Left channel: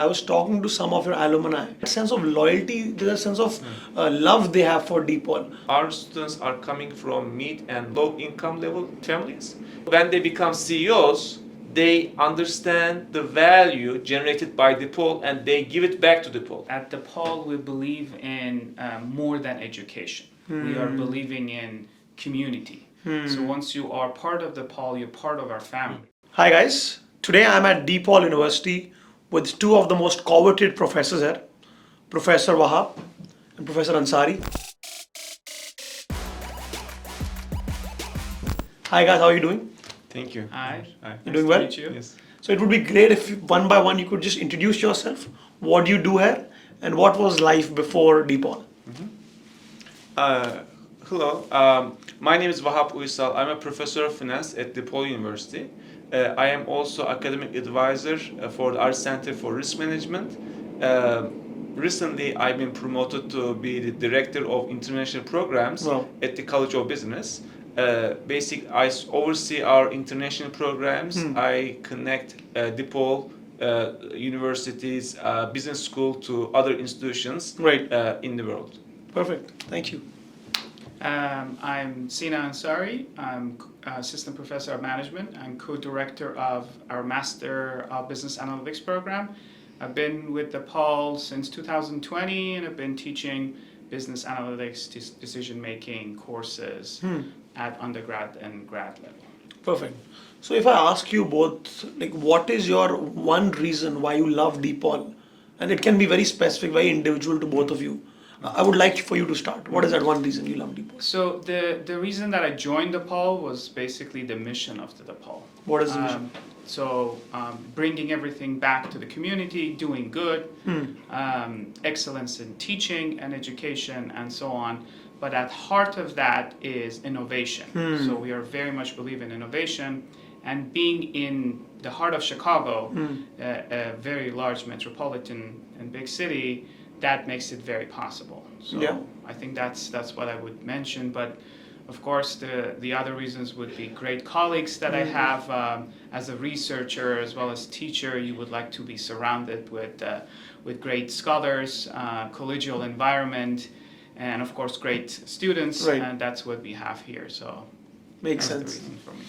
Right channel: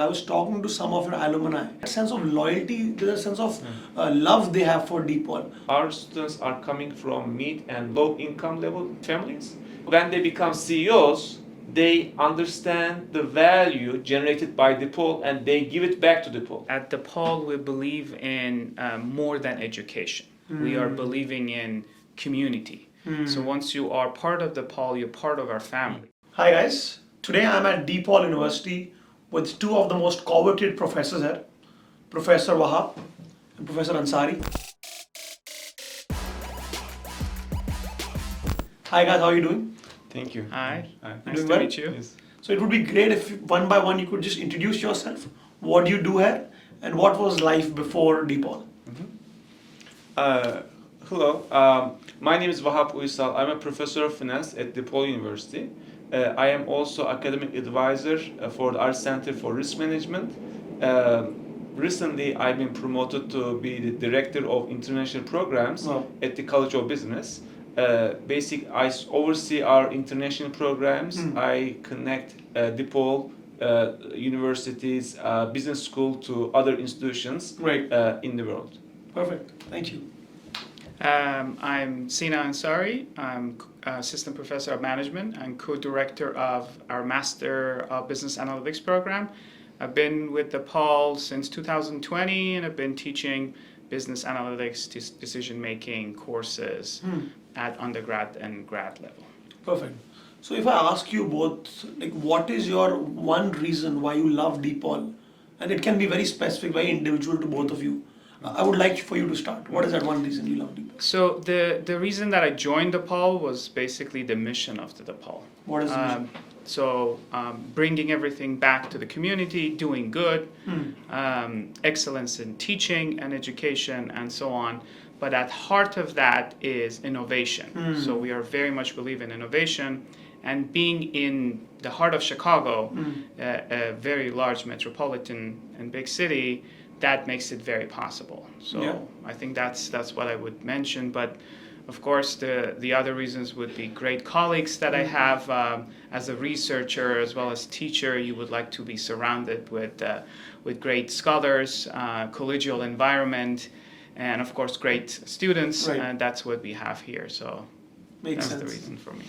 I was talking to some of your alumni. A sense of loyalty, there's a sense of love they have for DePaul. Our students are coming from mid and low income level families. When they become CEOs, they understand the value generated by DePaul and they give it back to DePaul. At DePaul, we believe in more than education. We are believing in community. So once you are part of DePaul, you're part of our family. Hi guys, today I'm at DePaul University with two of the most coveted professors here, Professor Vahap and Professor Ansari. Hi guys, how are you doing? Thank you. Hi. Nice Doing to well? meet you. Yes. So it would be great if one by one you could just introduce yourself, what do you do here, and what was life before DePaul? Hello, my name is Vahap Uysal. I'm a professor of finance at DePaul University. I am also academic advisor for our Center for Risk Management. Recently, I've been promoted to be the director of international programs Wow. at the College of Business. I oversee our international programs. I connect DePaul University's business school to other institutions Great. in the world. Perfect, thank you. I'm Sina Ansari. I'm assistant professor of management. I'm co-director of our Master of Business Analytics program. I've been with DePaul since 2020, and I've been teaching business analytics, decision-making courses at undergrad and grad level. Perfect. So if I ask you both, like, what is your one reason why you love DePaul? And it can be very specific, very individual to both of you. I would like for you to start. What is that one reason you love DePaul? So the reason that I joined DePaul was basically the mission of the DePaul. What is the mission? Bringing everything back to the community, doing good, excellence in teaching and education, and so on. But at heart of that is innovation. So we are very much believe in innovation, and being in the heart of Chicago, a very large metropolitan and big city, that makes it very possible. So Yeah. I think that's what I would mention. But of course, the other reasons would be great colleagues that I have as a researcher as well as teacher. You would like to be surrounded with great scholars, collegial environment, and of course great students. Right. And that's what we have here. So Makes that's the sense. reason for me.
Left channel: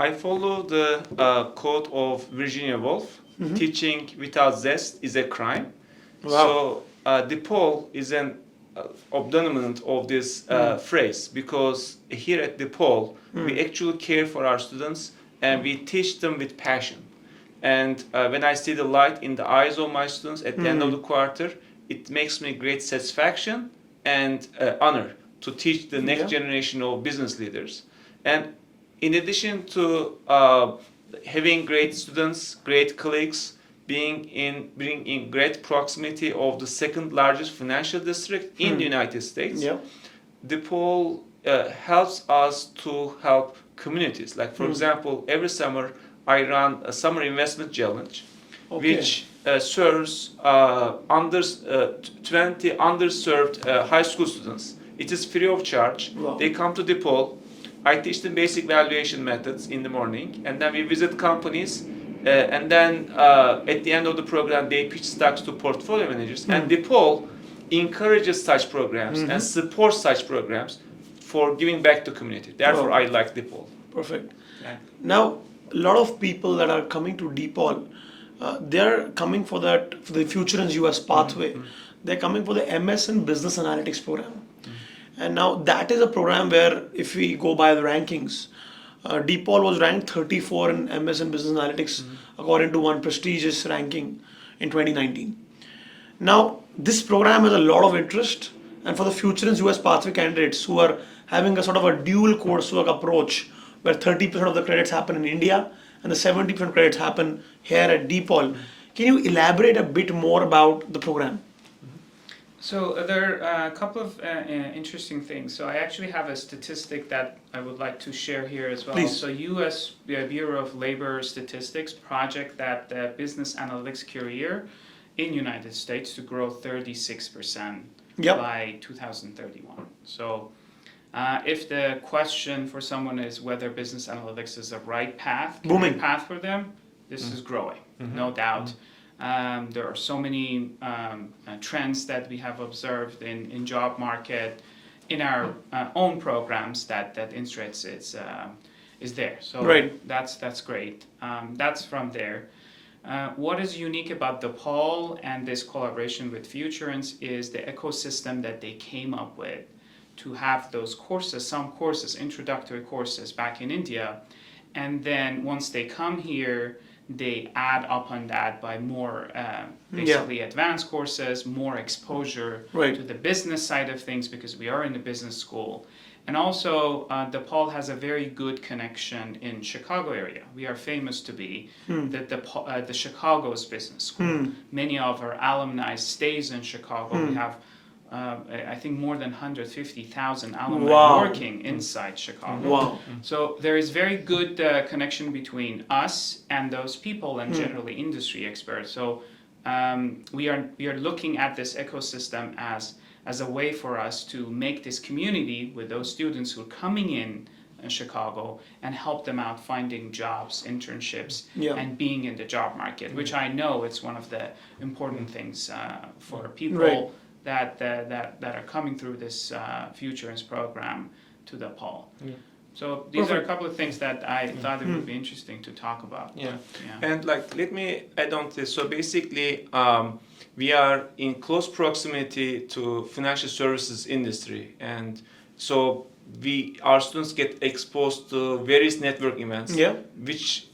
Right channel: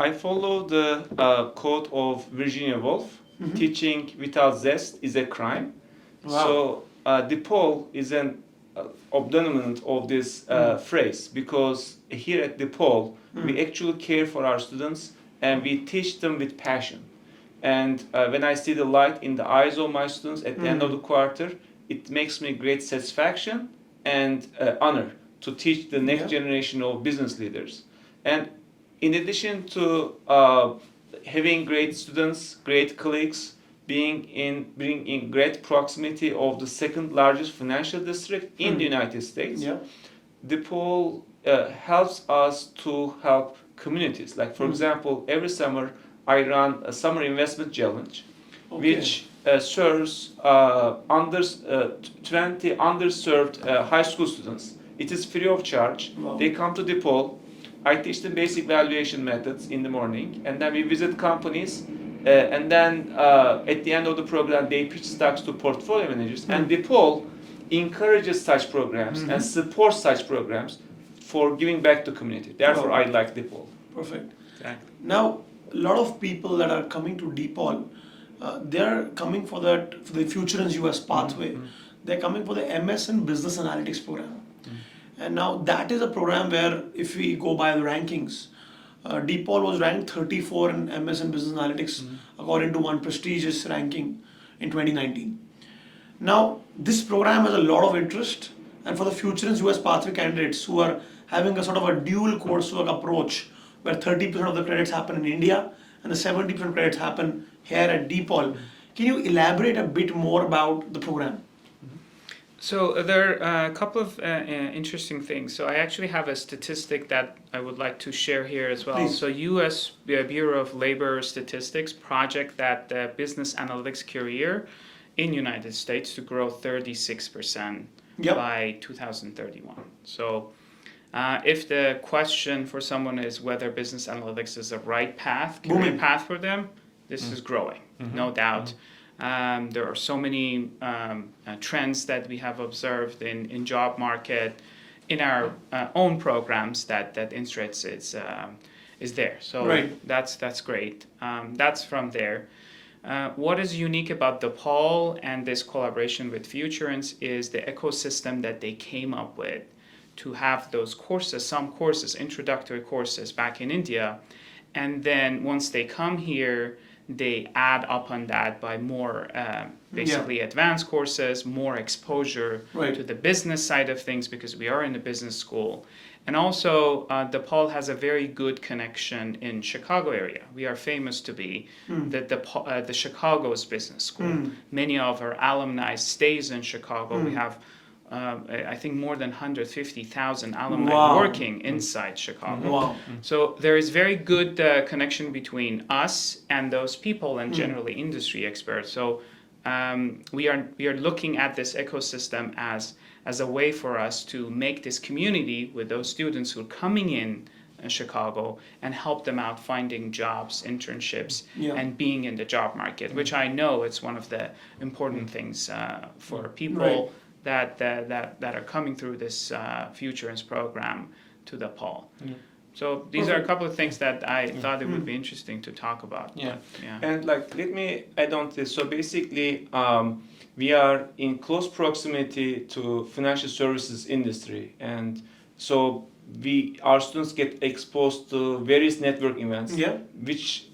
I follow the quote of Virginia Woolf, teaching without zest is a crime. Wow. So DePaul is an abandonment of this phrase, because here at DePaul we actually care for our students and we teach them with passion. And when I see the light in the eyes of my students at the end of the quarter, it makes me great satisfaction and honor to teach the next Yeah. generation of business leaders. And in addition to having great students, great colleagues, being in great proximity of the second largest financial district in the United States, Yeah. DePaul helps us to help communities. Like, for example, every summer I run a summer investment challenge, Okay. which serves 20 underserved high school students. It is free of charge. Wow. They come to DePaul. I teach them basic valuation methods in the morning, and then we visit companies. And then at the end of the program, they pitch stocks to portfolio managers. And DePaul encourages such programs and supports such programs for giving back to community. Therefore, Wow. I like DePaul. Perfect. Exactly. Now, a lot of people that are coming to DePaul, they're coming for the Futurense US pathway. They're coming for the MS in Business Analytics program. And now that is a program where, if we go by the rankings, DePaul was ranked 34 in MS and Business Analytics according to one prestigious ranking in 2019. Now, this program has a lot of interest, and for the Futurense US pathway candidates who are having a sort of a dual coursework approach, where 30% of the credits happen in India and the 70% credits happen here at DePaul, can you elaborate a bit more about the program? So there are a couple of interesting things. So I actually have a statistic that I would like to share here as well. Please. So U.S. Bureau of Labor Statistics project that the business analytics career in United States to grow 36% Yep. by 2031. So if the question for someone is whether business analytics is the right path, career Booming. path for them, this is growing, no doubt. There are so many trends that we have observed in job market, in our own programs that Instrates is there. So that's great. That's from there. What is unique about DePaul and this collaboration with Futurense is the ecosystem that they came up with to have those courses, some courses, introductory courses back in India, and then once they come here, they add upon that by more basically advanced courses, more exposure to the business side of things, because we are in a business school. And also, DePaul has a very good connection in Chicago area. We are famous to be the Chicago's business school. Many of our alumni stays in Chicago. We have, I think, more than 150,000 alumni working inside Chicago. So there is very good connection between us and those people, and generally industry experts. So we are looking at this ecosystem as a way for us to make this community with those students who are coming in Chicago and help them out finding jobs, internships, and being in the job market, which I know it's one of the important things for people that are coming through this Futurense program to DePaul. So these are a couple of things that I thought it would be interesting to talk about. And like, let me add on to this. So basically, we are in close proximity to financial services industry, and so our students get exposed to various network events, which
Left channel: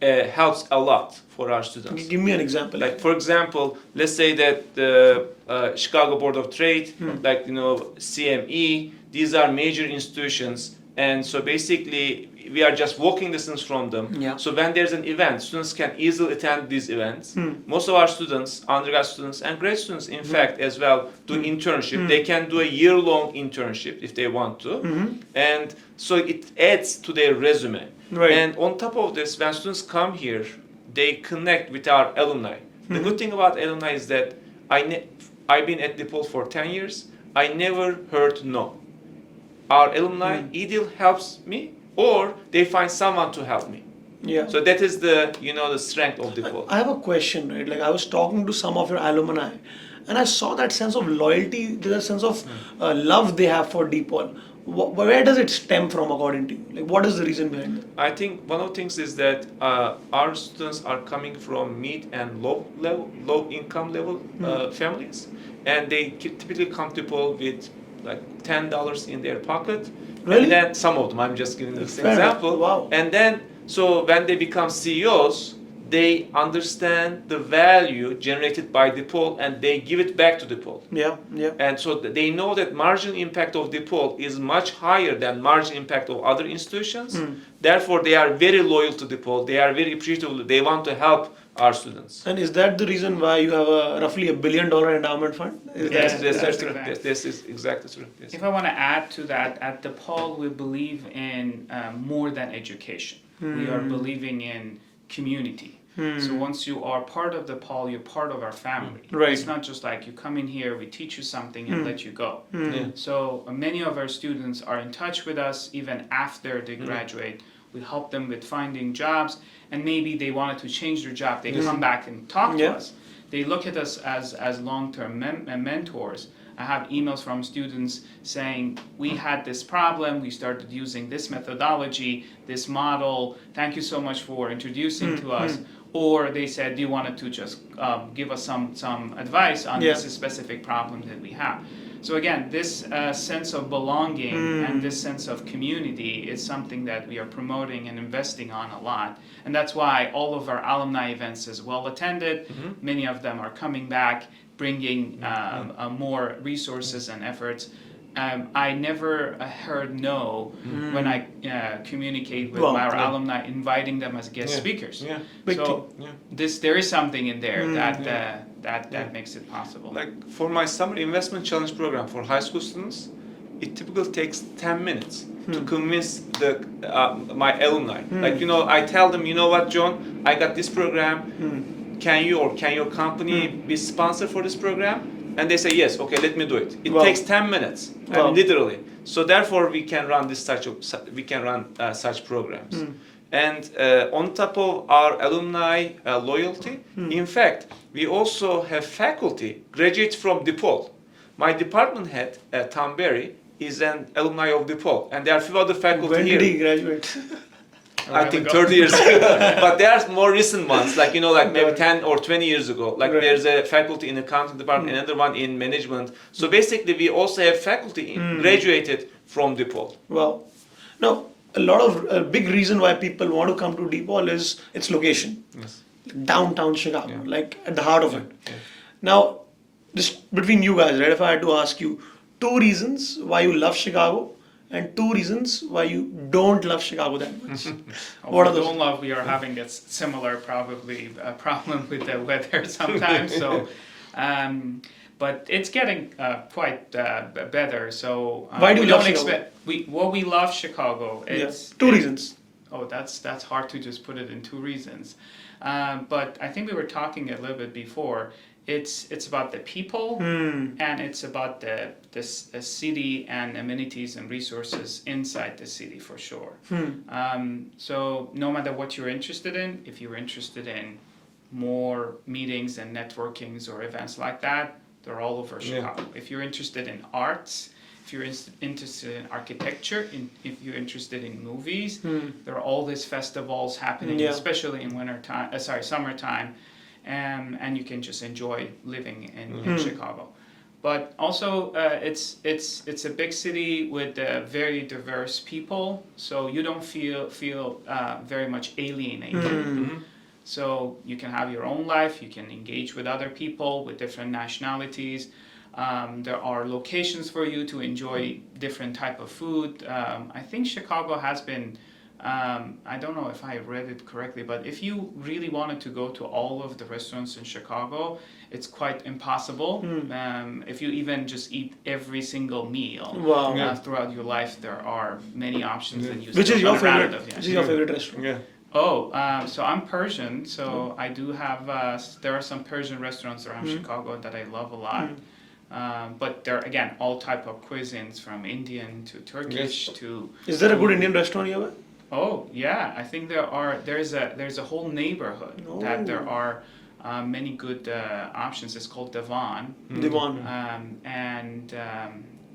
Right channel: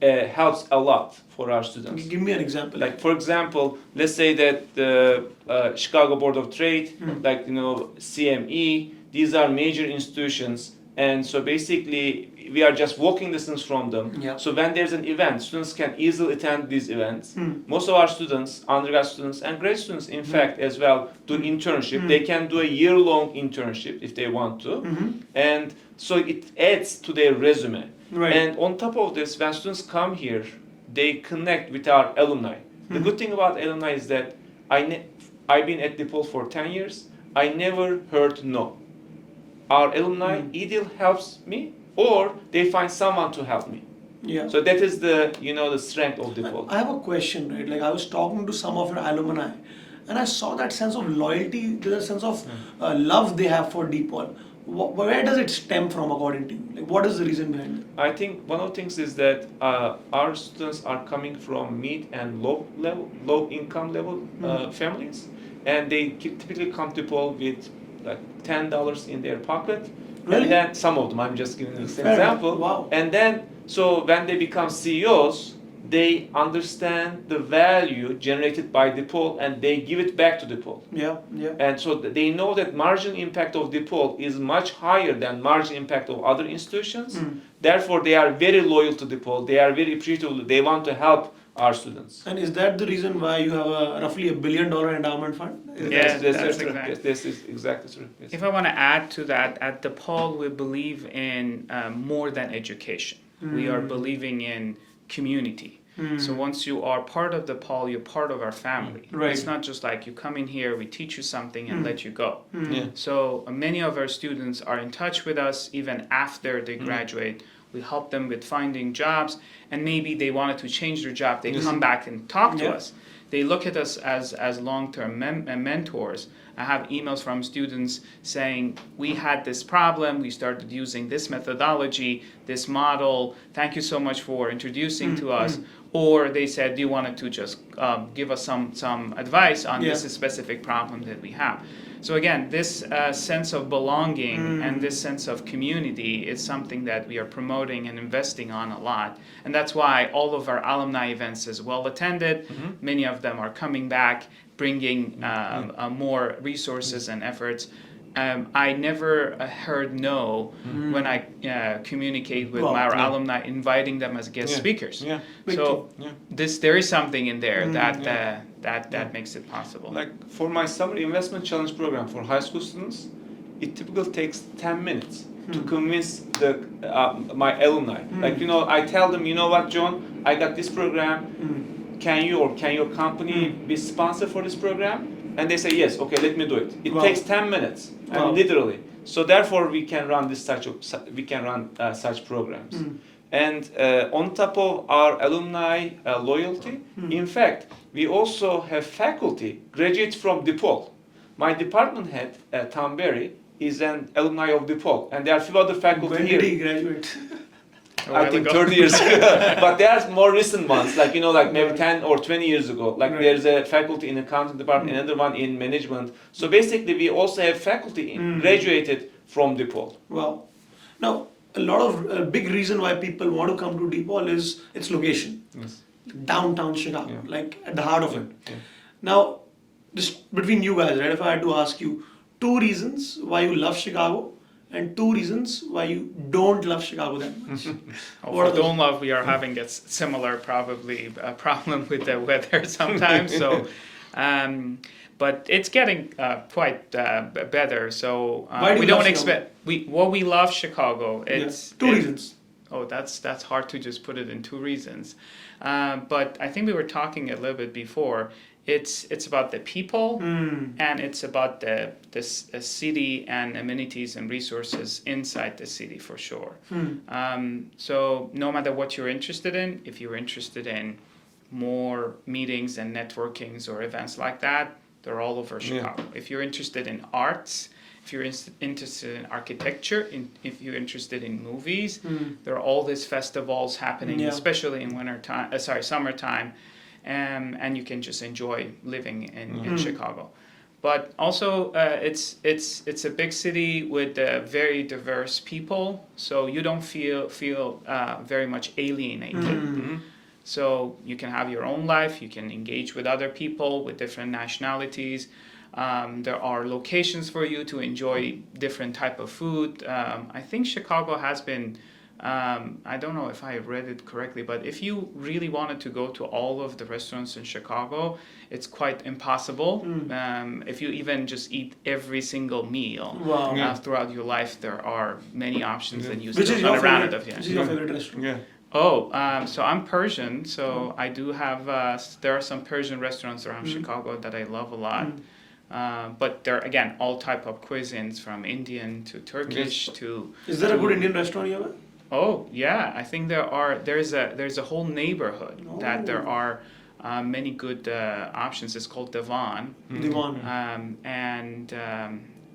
helps a lot for our students. Give me an example. Like, for example, let's say that the Chicago Board of Trade, like, CME, these are major institutions, and so basically we are just walking distance from them. So when there's an event, students can easily attend these events. Most of our students, undergrad students and grad students, in fact, as well, do internship. They can do a year-long internship if they want to, and so it adds to their resume. And on top of this, when students come here, they connect with our alumni. The good thing about alumni is that I've been at DePaul for 10 years. I never heard no. Our alumni either helps me or they find someone to help me. So that is the the strength of DePaul. I have a question, right? Like, I was talking to some of your alumni, and I saw that sense of loyalty, the sense of love they have for DePaul. Where does it stem from, according to you? Like, what is the reason behind it? I think one of the things is that our students are coming from mid and low income level families, and they typically come to DePaul with like $10 in their pocket. Really? And then some of them, I'm just giving this example. Wow. And then, so when they become CEOs, they understand the value generated by DePaul and they give it back to DePaul. And so they know that marginal impact of DePaul is much higher than marginal impact of other institutions. Therefore, they are very loyal to DePaul. They are very appreciative. They want to help our students. And is that the reason why you have roughly $1 billion endowment fund? Yes, this is exactly true. Yes. If I want to add to that, at DePaul we believe in more than education. We are believing in community. So once you are part of DePaul, you're part of our family. It's not just like you come in here, we teach you something and let you go. So many of our students are in touch with us even after they graduate. We help them with finding jobs, and maybe they wanted to change their job. They come back and talk to us. They look at us as long-term mentors. I have emails from students saying, we had this problem, we started using this methodology, this model, thank you so much for introducing to us. Or they said, do you want to just give us some advice on this specific problem that we have? So again, this sense of belonging and this sense of community is something that we are promoting and investing on a lot. And that's why all of our alumni events is well attended. Many of them are coming back, bringing more resources and efforts. I never heard no when I communicate with our alumni, inviting them as guest speakers. So there is something in there that makes it possible. Like for my summer investment challenge program for high school students, it typically takes 10 minutes to convince my alumni. Like, I tell them, you know what, John, I got this program. Can your company be sponsored for this program? And they say yes. Okay, let me do it. It takes 10 minutes. I mean, literally. So therefore, we can run such programs. And on top of our alumni loyalty, in fact, we also have faculty graduates from DePaul. My department head, Tom Berry, is an alumni of DePaul, and there are a few other faculty When here. did he graduate? I think 30 years ago. But there are more recent ones, like like maybe 10 or 20 years ago. Like Right. there's a faculty in accounting department, another one in management. So basically, we also have faculty graduated from DePaul. Wow. Now, a big reason why people want to come to DePaul is its location. Yes. Downtown Chicago, Yeah. like at the heart of it. Yeah. Now, just between you guys, right? If I had to ask you 2 reasons why you love Chicago and 2 reasons why you don't love Chicago that much. What are For those? don't love, we are having a similar probably problem with the weather sometimes. So, but it's getting quite better. So Why do we you love don't Chicago? expect we love Chicago. Yeah. It's 2 reasons. Oh, that's hard to just put it in 2 reasons. But I think we were talking a little bit before. It's about the people and it's about the city and amenities and resources inside the city for sure. So no matter what you're interested in, if you're interested in more meetings and networkings or events like that, they're all over Chicago. If you're interested in arts, if you're interested in architecture, if you're interested in movies, there are all these festivals happening, especially in summertime, and you can just enjoy living in Chicago. But also, it's a big city with very diverse people, so you don't feel very much alienated. So you can have your own life, you can engage with other people with different nationalities. There are locations for you to enjoy different type of food. I think Chicago has been, I don't know if I read it correctly, but if you really wanted to go to all of the restaurants in Chicago, it's quite impossible. If you even just eat every single meal Wow. throughout your life, there are many options that you Which still is your haven't run out favorite? of yet. Which is your favorite restaurant? Yeah. Oh, so I'm Persian, so I do have, there are some Persian restaurants around Chicago that I love a lot. But they're, again, all type of cuisines from Indian to Turkish to... Is there a good Indian restaurant here? Oh, yeah, I think there's a whole neighborhood that there are many good options. It's called Divan. Divan.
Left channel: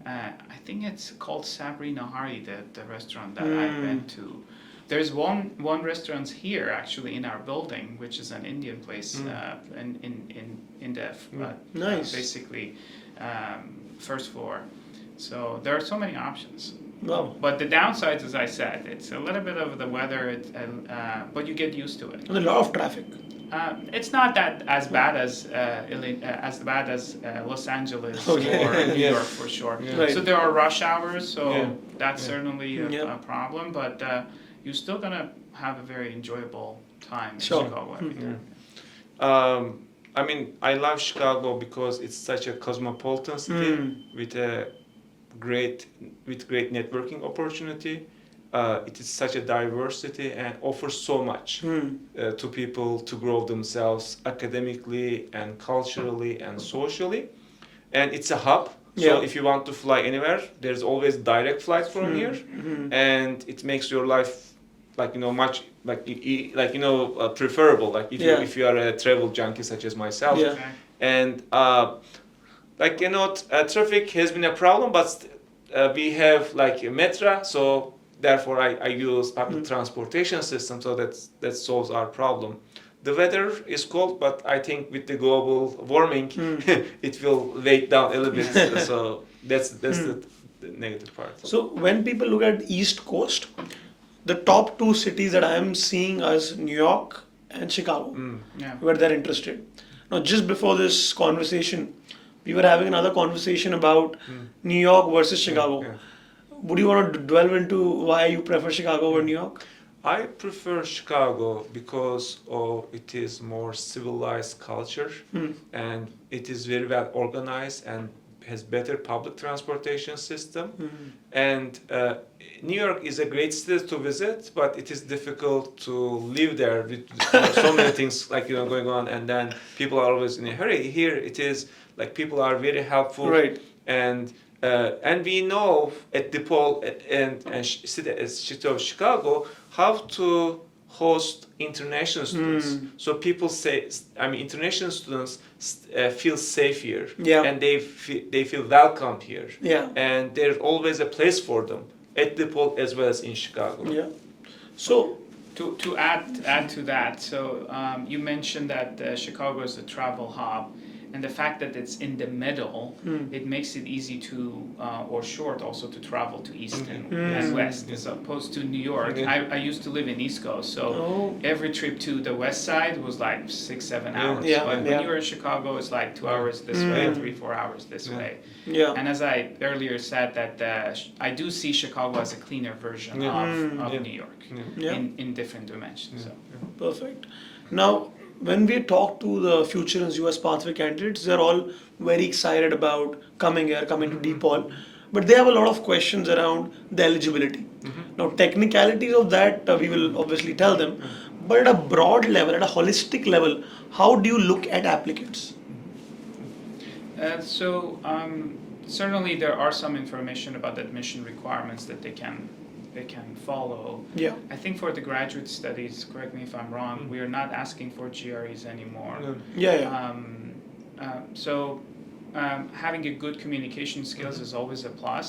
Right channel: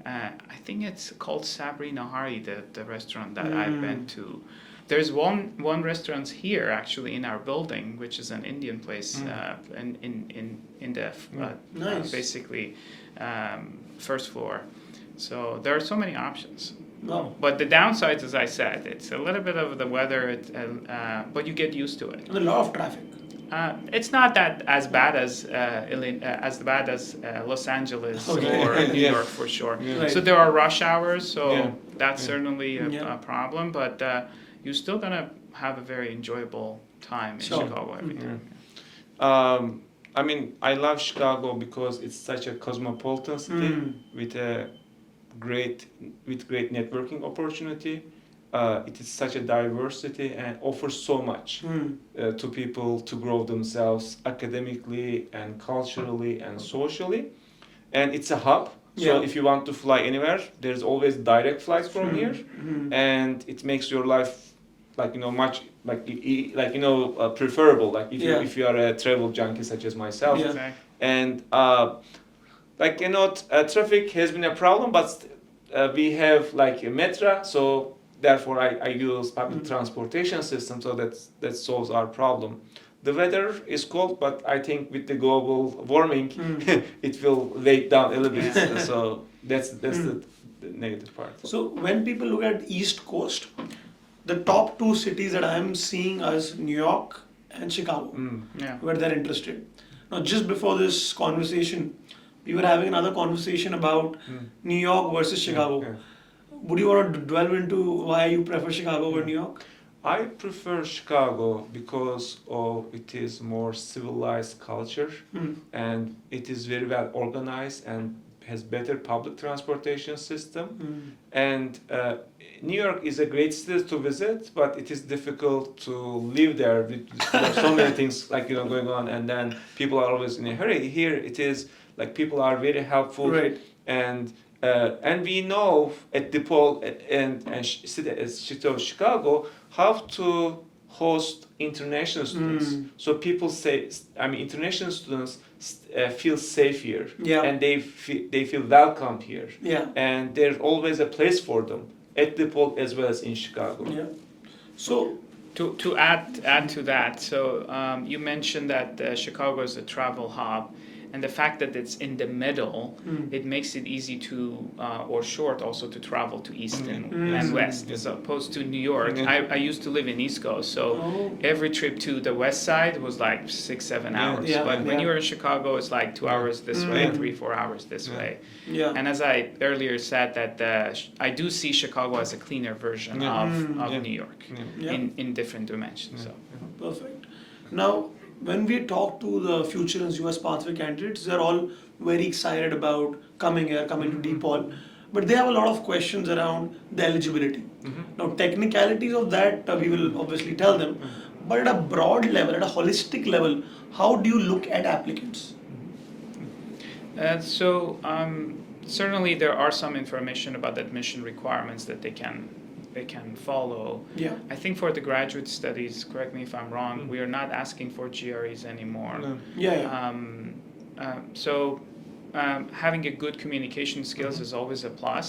I think it's called Sabri Nahari, the restaurant that I've been to. There's one restaurant here actually in our building, which is an Indian place in the Nice. basically first floor. So there are so many options. Wow. But the downsides, as I said, it's a little bit of the weather, but you get used to it. And a lot of traffic. It's not that as bad as Los Angeles or New York for sure. Right. So there are rush hours, so Yeah. that's certainly a Yeah. problem. But you're still gonna have a very enjoyable time in Sure. Chicago every day. I mean, I love Chicago because it's such a cosmopolitan city with great networking opportunity. It is such a diverse city and offers so much to people to grow themselves academically and culturally and socially. And it's a hub. So Yeah. if you want to fly anywhere, there's always direct flights from here, and it makes your life much preferable. Like if you are a travel junkie such as myself, Yeah. Okay. and traffic has been a problem, but we have a metro, so therefore I use public transportation system, so that solves our problem. The weather is cold, but I think with the global warming, it will weigh down a little bit. So that's the negative part. So when people look at East Coast, the top 2 cities that I'm seeing is New York and Chicago, Yeah. where they're interested. Now, just before this conversation, we were having another conversation about New York versus Chicago. Yeah. Would you want to delve into why you prefer Chicago over New York? I prefer Chicago because it is more civilized culture, and it is very well organized and has better public transportation system. And New York is a great city to visit, but it is difficult to live there with so many things going on, and then people are always in a hurry. Here it is people are very helpful, Right. and we know at DePaul and city of Chicago how to host international students. So people say, I mean, international students feel safe here, Yeah. and they feel welcomed here, Yeah. and there's always a place for them at DePaul as well as in Chicago. Yeah. So To add to that, so you mentioned that Chicago is a travel hub, and the fact that it's in the middle, it makes it easy to or short also to travel to East and West, as opposed to New York. I used to live in East Coast, so every trip to the West Side was like 6-7 hours. Yeah. But when you're in Chicago, it's like 2 hours this way, 3-4 hours this way. yeah. And as I earlier said, that I do see Chicago as a cleaner version of New York Yeah. in different dimensions. So. Perfect. Now, when we talk to the Futurense US pathway candidates, they're all very excited about coming here, coming to DePaul, but they have a lot of questions around the eligibility. Now, technicalities of that we will obviously tell them, but at a broad level, at a holistic level, how do you look at applicants? So certainly there are some information about the admission requirements that they can follow. Yeah. I think for the graduate studies, correct me if I'm wrong, we are not asking for GREs anymore. Yeah. So having a good communication skills is always a plus.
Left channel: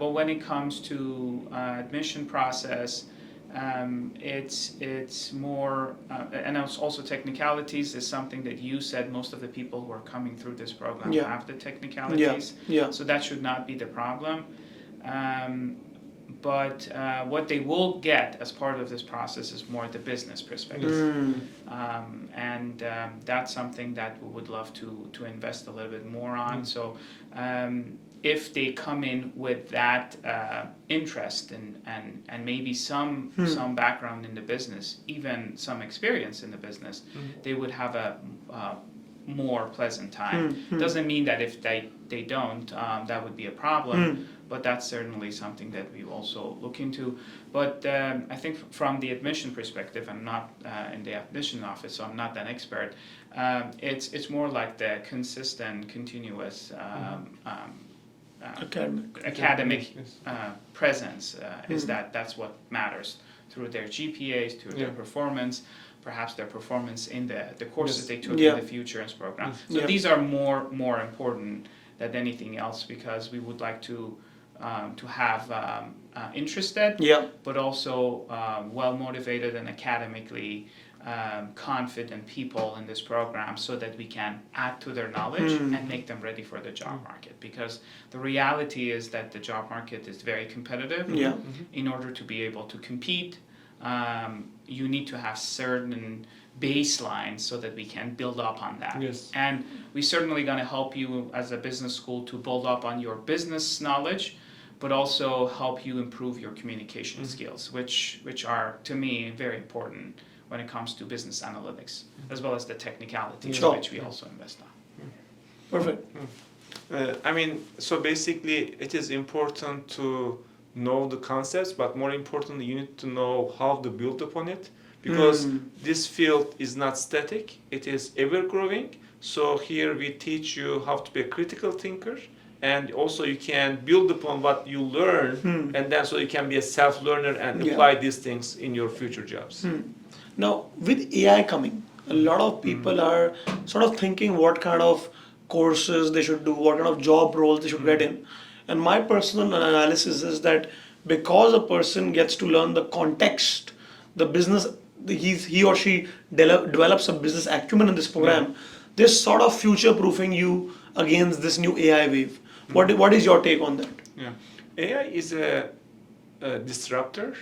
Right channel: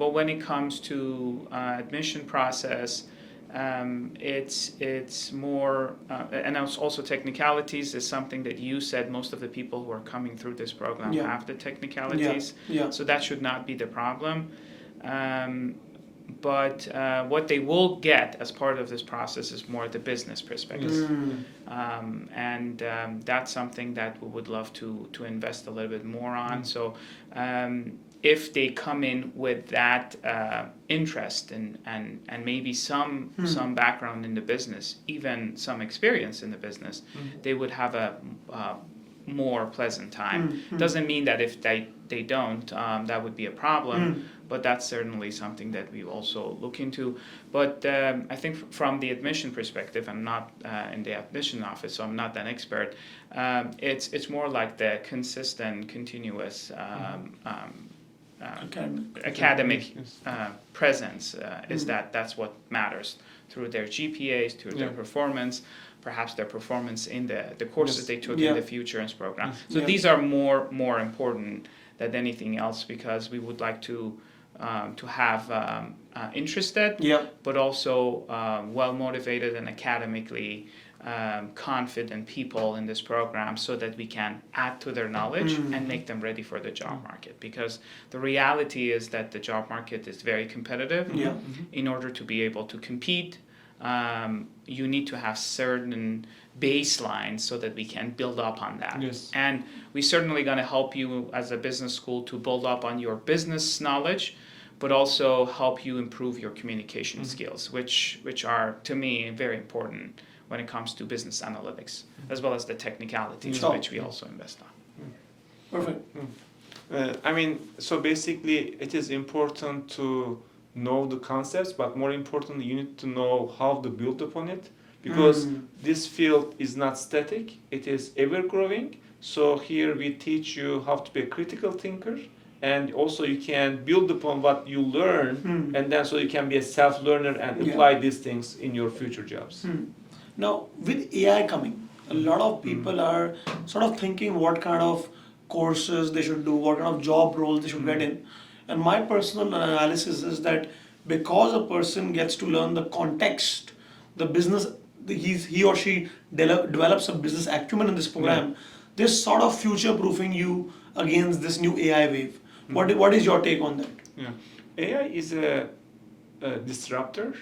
But when it comes to admission process, it's more, and also technicalities is something that you said most of the people who are coming through this program Yeah. have the technicalities. Yeah. So that should not be the problem. But what they will get as part of this process is more the business perspective. And that's something that we would love to invest a little bit more on. So if they come in with that interest and maybe some background in the business, even some experience in the business, they would have a more pleasant time. Doesn't mean that if they don't, that would be a problem, but that's certainly something that we also look into. But I think from the admission perspective, I'm not in the admission office, so I'm not an expert. It's more like the consistent, continuous academic presence is that's what matters through their GPAs, through their performance, perhaps their performance in the courses they took in the Futurense program. So these are more important than anything else, because we would like to have interested, but also well motivated and academically confident people in this program, so that we can add to their knowledge and make them ready for the job market. Because the reality is that the job market is very competitive. In order to be able to compete, you need to have certain baselines so that we can build up on that. And we're certainly going to help you as a business school to build up on your business knowledge, but also help you improve your communication skills, which are, to me, very important when it comes to business analytics, as well as the technicalities, which we also invest on. Perfect. I mean, so basically it is important to know the concepts, but more importantly, you need to know how to build upon it, because this field is not static, it is ever growing. So here we teach you how to be a critical thinker, and also you can build upon what you learn, and then so you can be a self-learner and apply these things in your future jobs. Now, with AI coming, a lot of people are sort of thinking what kind of courses they should do, what kind of job roles they should get in. And my personal analysis is that because a person gets to learn the context, the business, he or she develops a business acumen in this program, they're sort of future-proofing you against this new AI wave. What is your take on that? AI is a disruptor,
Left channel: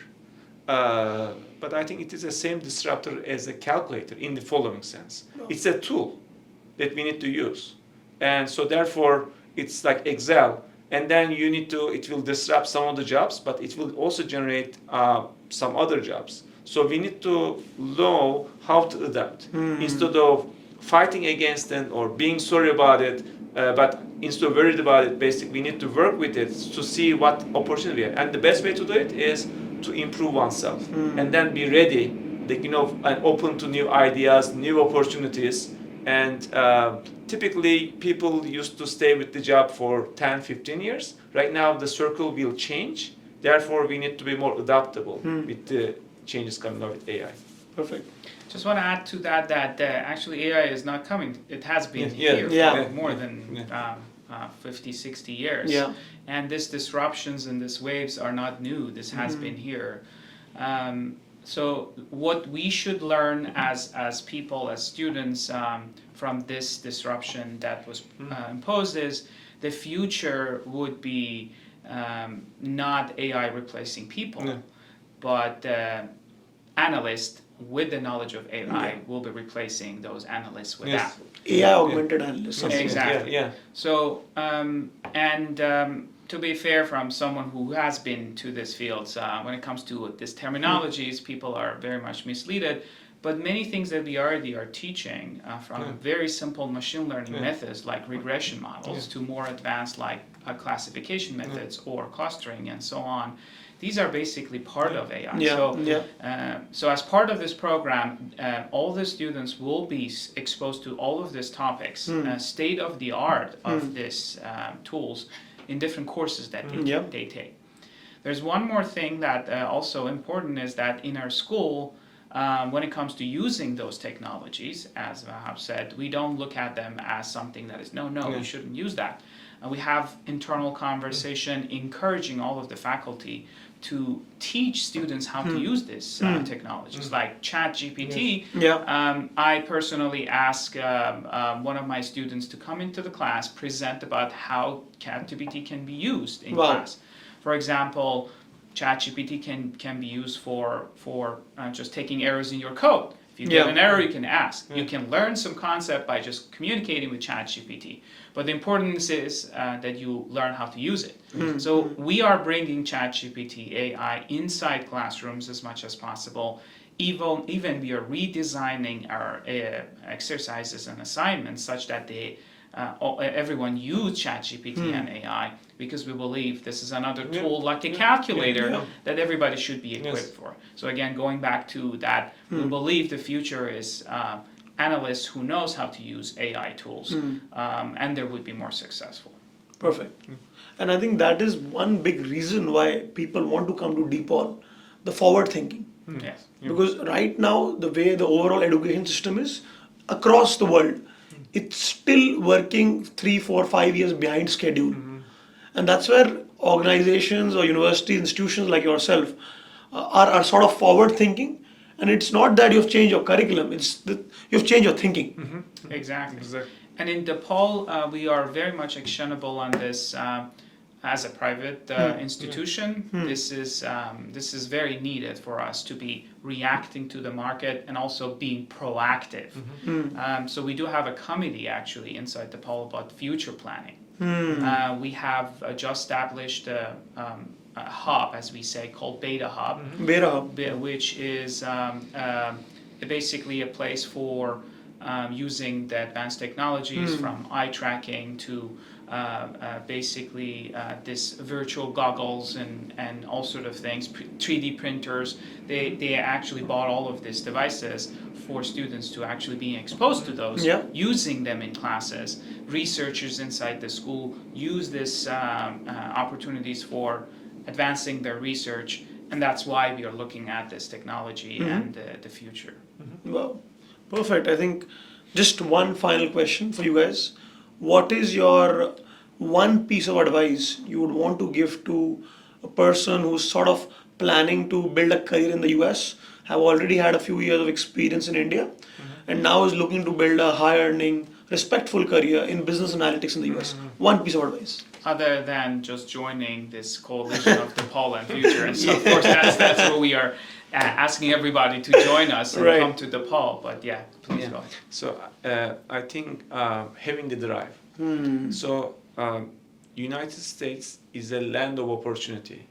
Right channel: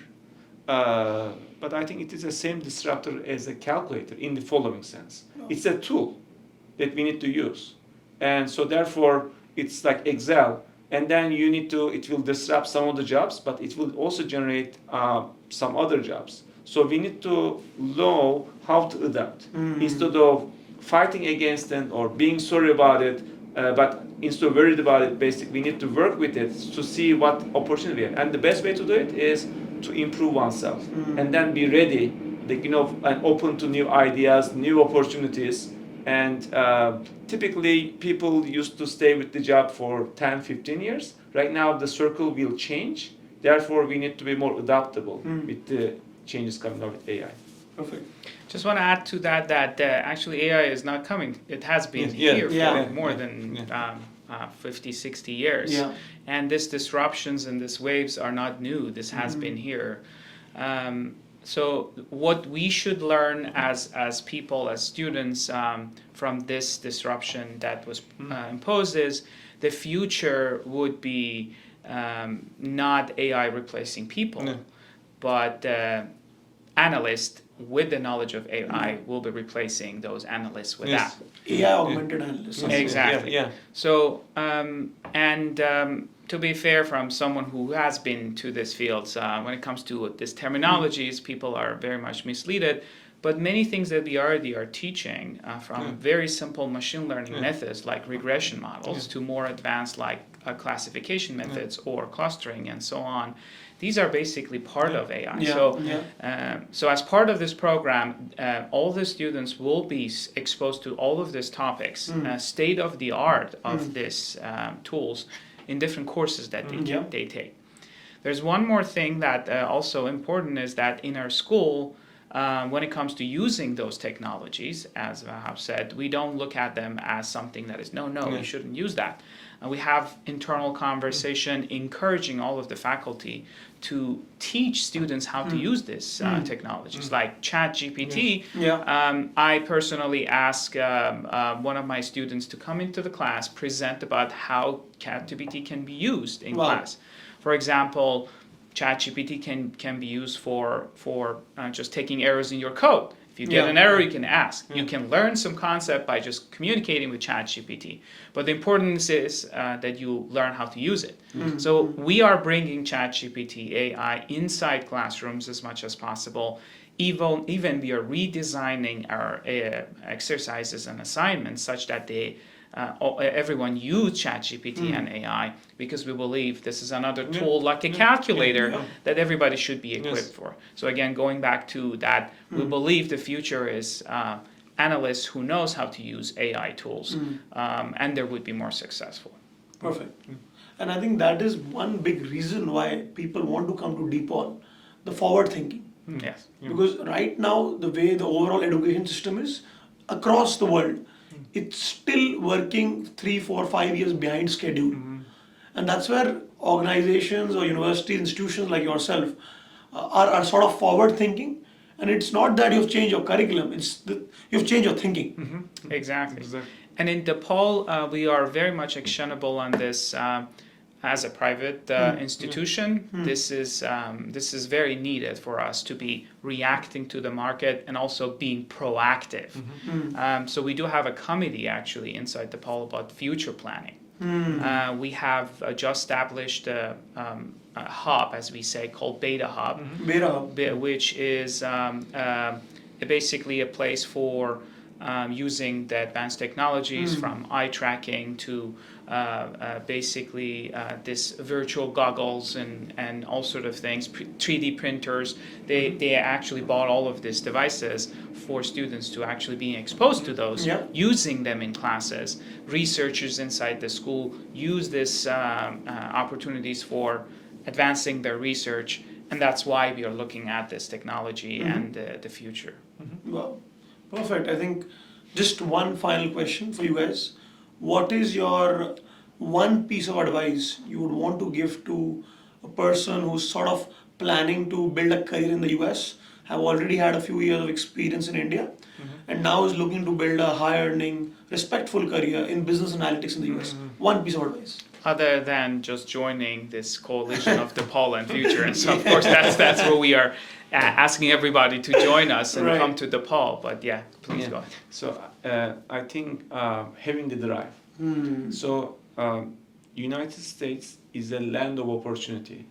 but I think it is the same disruptor as a calculator in the following sense. It's a tool that we need to use. And so therefore, it's like Excel, and then it will disrupt some of the jobs, but it will also generate some other jobs. So we need to know how to adapt instead of fighting against it or being sorry about it. But instead of worried about it, basically, we need to work with it to see what opportunity we have. And the best way to do it is to improve oneself and then be ready, and open to new ideas, new opportunities. And typically, people used to stay with the job for 10, 15 years. Right now, the circle will change. Therefore, we need to be more adaptable with the changes coming out with AI. Perfect. Just want to add to that actually AI is not coming. It has been Yeah. here for Yeah. more than 50, 60 years. Yeah. And these disruptions and these waves are not new. This has been here. So what we should learn as people, as students, from this disruption that was imposed is the future would be not AI replacing people, but analysts with the knowledge of AI will be replacing those analysts with that. AI augmented analysts. Exactly. Yeah. So, to be fair, from someone who has been to this field, when it comes to these terminologies, people are very much misleaded. But many things that we already are teaching, from very simple machine learning methods like regression models to more advanced like classification methods or clustering and so on, these are basically part of AI. So as part of this program, all the students will be exposed to all of these topics, state of the art of these tools in different courses that they take. There's one more thing that also important is that in our school, when it comes to using those technologies, as Vahap said, we don't look at them as something that is, we shouldn't use that. We have internal conversation encouraging all of the faculty to teach students how to use these technologies, like ChatGPT. I personally ask one of my students to come into the class, present about how ChatGPT can be used in class. For example, ChatGPT can be used for just taking errors in your code. If you get an error, you can ask. You can learn some concept by just communicating with ChatGPT. But the importance is that you learn how to use it. So we are bringing ChatGPT AI inside classrooms as much as possible. Even we are redesigning our exercises and assignments such that everyone use ChatGPT and AI, because we believe this is another tool like a calculator that everybody should be equipped for. So again, going back to that, we believe the future is analysts who knows how to use AI tools, and they would be more successful. Perfect. And I think that is one big reason why people want to come to DePaul, the forward thinking. Yes. Because right now, the way the overall education system is across the world, it's still working 3, 4, 5 years behind schedule. And that's where organizations or university institutions like yourself are sort of forward thinking. And it's not that you've changed your curriculum, it's that you've changed your thinking. Exactly. And in DePaul, we are very much actionable on this. As a private institution, this is very needed for us to be reacting to the market and also being proactive. So we do have a committee actually inside DePaul about future planning. We have just established a hub, as we say, called Beta Hub, which is basically a place for using the advanced technologies from eye tracking to basically this virtual goggles and all sort of things, 3D printers. They actually bought all of these devices for students to actually be exposed to those, using them in classes. Researchers inside the school use these opportunities for advancing their research, and that's why we are looking at this technology and the future. Well, perfect. I think just one final question for you guys. What is your one piece of advice you would want to give to a person who's sort of planning to build a career in the US, have already had a few years of experience in India, and now is looking to build a high-earning, respectful career in business analytics in the US? One piece of advice. Other than just joining this coalition of DePaul and Futurense, of course, that's what we are asking everybody to join us and come to DePaul. But yeah, please go ahead. So I think having the drive. So United States is a land of opportunity.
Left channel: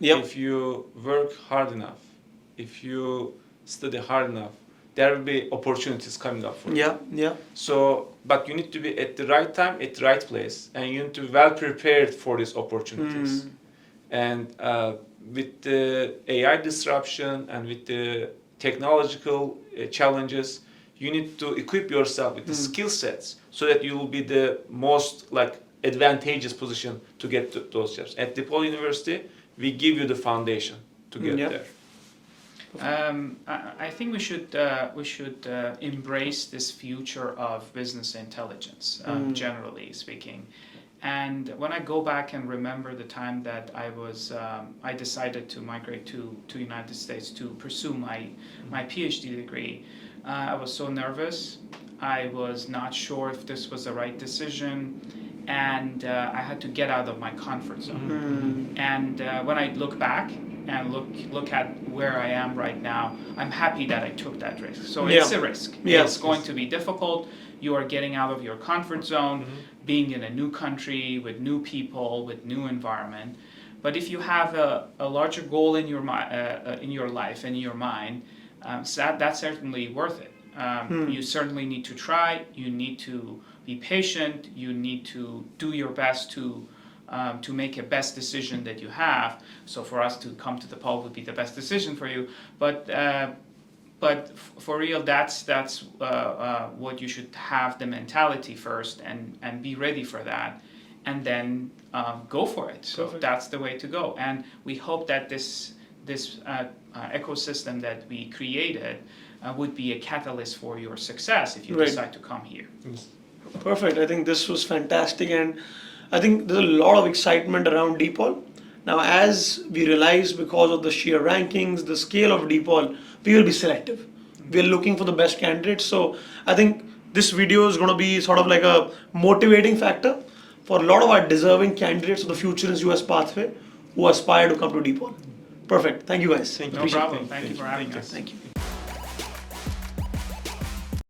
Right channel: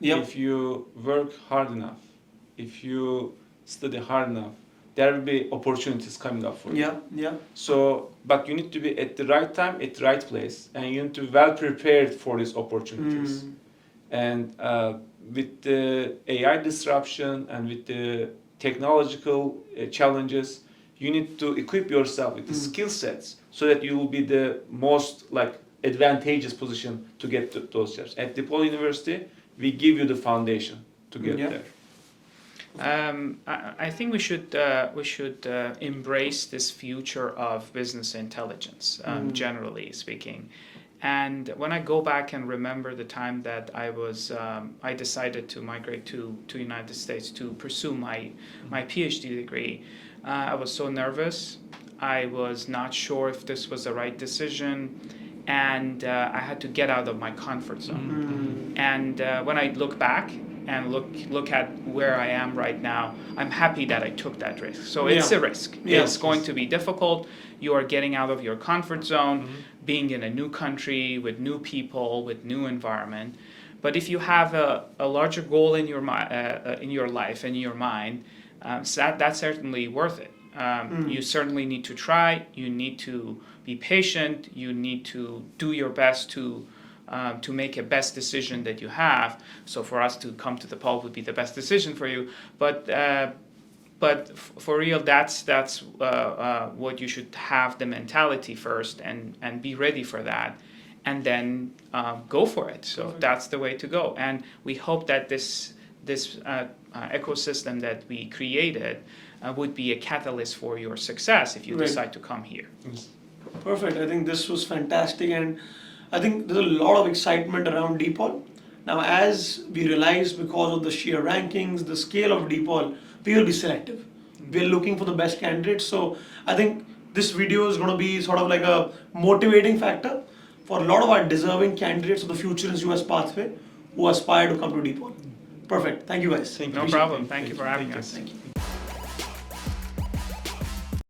If you work hard enough, if you study hard enough, there will be opportunities coming up for you. So, but you need to be at the right time, at the right place, and you need to be well prepared for these opportunities. And with the AI disruption and with the technological challenges, you need to equip yourself with the skill sets so that you will be the most advantageous position to get to those jobs. At DePaul University, we give you the foundation to get there. I think we should embrace this future of business intelligence, generally speaking. And when I go back and remember the time that I decided to migrate to United States to pursue my PhD degree, I was so nervous. I was not sure if this was the right decision, and I had to get out of my comfort zone. And when I look back and look at where I am right now, I'm happy that I took that risk. So it's a risk. It's going to be difficult. You are getting out of your comfort zone, being in a new country with new people, with new environment. But if you have a larger goal in your life and in your mind, that's certainly worth it. You certainly need to try. You need to be patient. You need to do your best to make a best decision that you have. So for us to come to DePaul would be the best decision for you. But for real, that's what you should have the mentality first and be ready for that, and then go for it. So that's the way to go. And we hope that this ecosystem that we created would be a catalyst for your success if you decide to come here. Perfect. I think this was fantastic, and I think there's a lot of excitement around DePaul. Now, as we realize, because of the sheer rankings, the scale of DePaul, we will be selective. We are looking for the best candidates. So I think this video is going to be sort of like a motivating factor for a lot of our deserving candidates of the Futurense US pathway who aspire to come to DePaul. Perfect. Thank you guys. No problem. Thank you for having us. Thank you.